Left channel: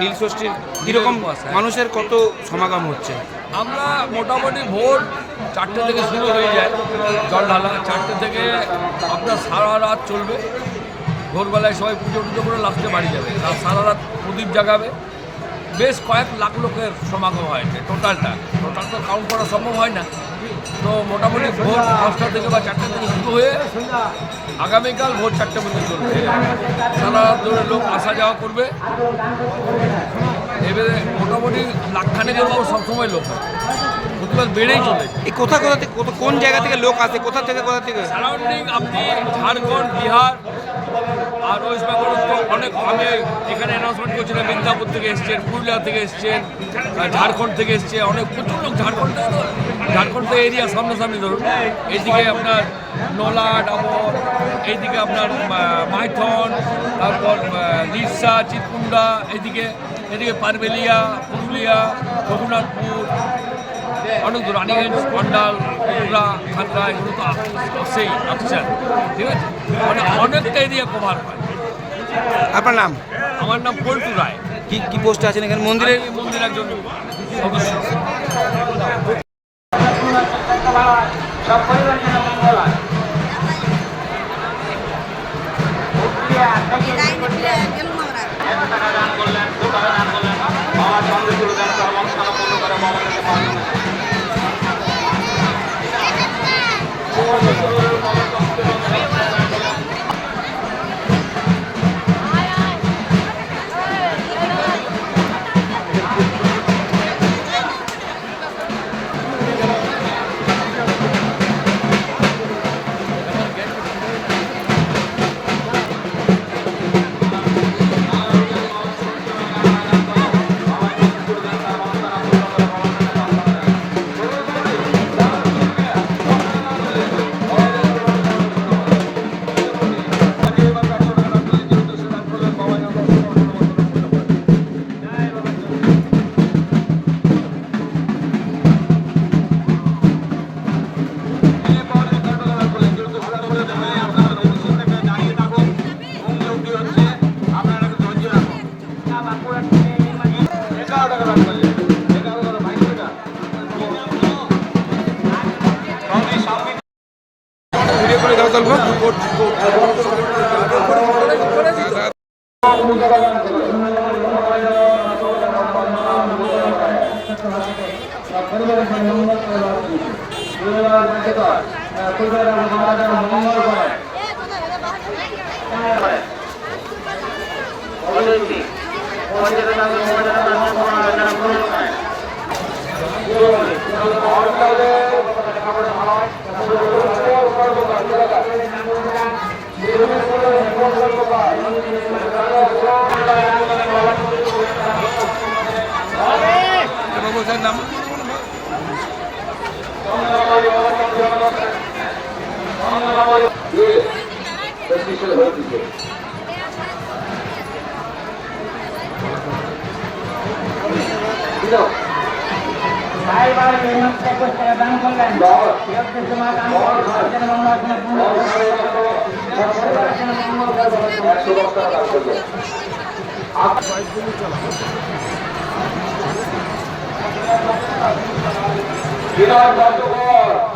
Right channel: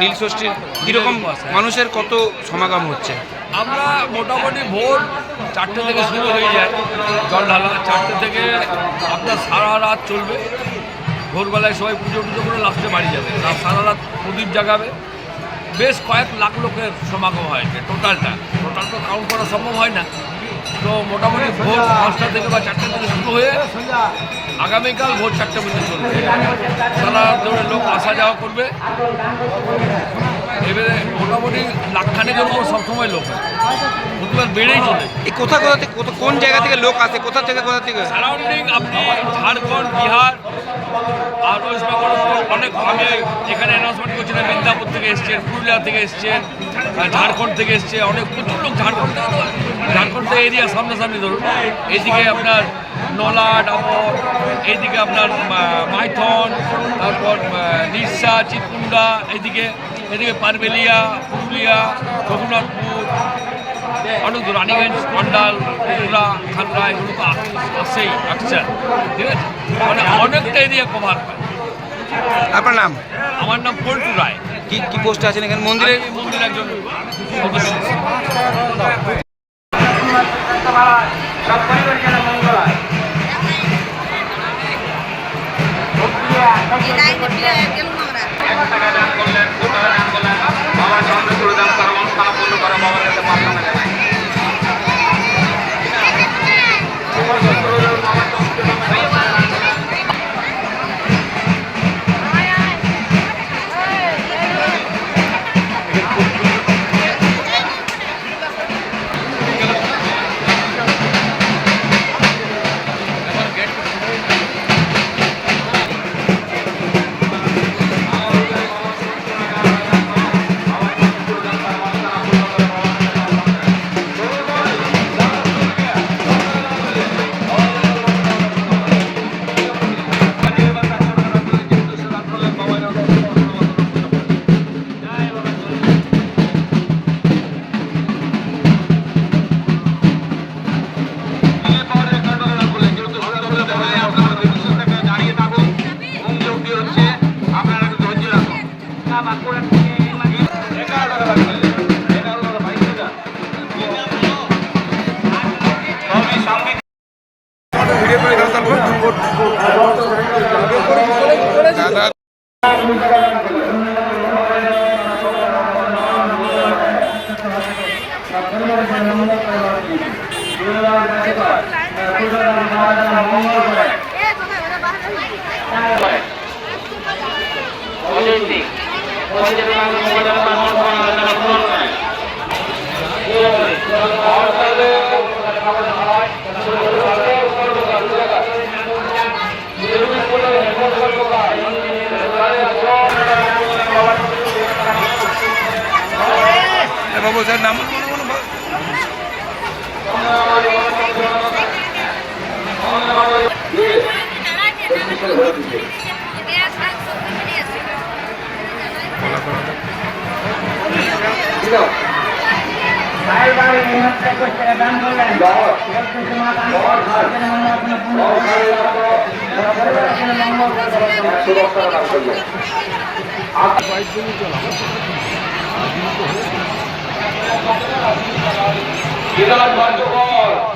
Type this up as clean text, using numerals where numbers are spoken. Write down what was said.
নীলষষ্ঠীর কীরকম মানুষের কত সমাগম হচ্ছে? আমরা মোটামুটি ভোর 4টে থেকে শুরু হয়ে যায় জল ঢালা। 4টে থেকে আপনার সারা রাত চলবে। ভোরবেলায় সবাই পুজো টুজো করে লাস্টে বাড়ি যাবে, সারা রাত প্রদীপ জাগাবে। বেশ কয়েক লাখ লোকের সমাগম হয়েছে। টোটাল তো কাউন্ট করা সম্ভব হয় না। তো মোটামুটি ভোর 5টা থেকে বা 4টা থেকে শুরু হয়ে আগামীকাল ভোর 4টে পর্যন্ত চলবে। সারা রাত ধরে লোক আসা যাওয়া করবে। এবারে মোটামুটি লাখখানেকের উপর সবসময় লোক হয়, প্রতিবার বেড়েই চলে। এই কোথা থেকে কোন জায়গা থেকে লোক আসে, কোথা থেকে সারাউন্ডিং আপনি ঝাড়খণ্ড, বিহার আর ওয়েস্ট বেঙ্গল অনেক। আমি এখানে অ্যানাউন্সমেন্ট করছিলাম, মিদনাপুর থেকে এসছেন, পুরুলিয়া থেকে এসছেন, ঝাড়খণ্ড থেকে এসছে অনেক, প্রচুর লোক ঝাড়খণ্ড থেকে। তো ঝাড়খণ্ড থেকে এরিয়া সামনাসামনি ধরুন, এইদিকে আপনার নলা ডাবর, এইদিকে আপনার মাইথন, তারপর নিরসা, চিতকুন্ডা, এদিকে পারবেলিয়া, পুরুলিয়া, রঘুনাথপুর, অনেক দূর, রানীগঞ্জ, কন্ডাল, উড়া, খাতরা, এগুলো তো আসছেই, আসছেন। ঠিক আছে, মানে অনেকটা এরিয়া কভার হয়। আপনার নাম? আমার নাম পল্টু রায়। কি পোস্টে আছেন এখানে মন্দিরে? মন্দির একজন সদস্য। বাবু স্যার নাম? বিরাট কার্যকর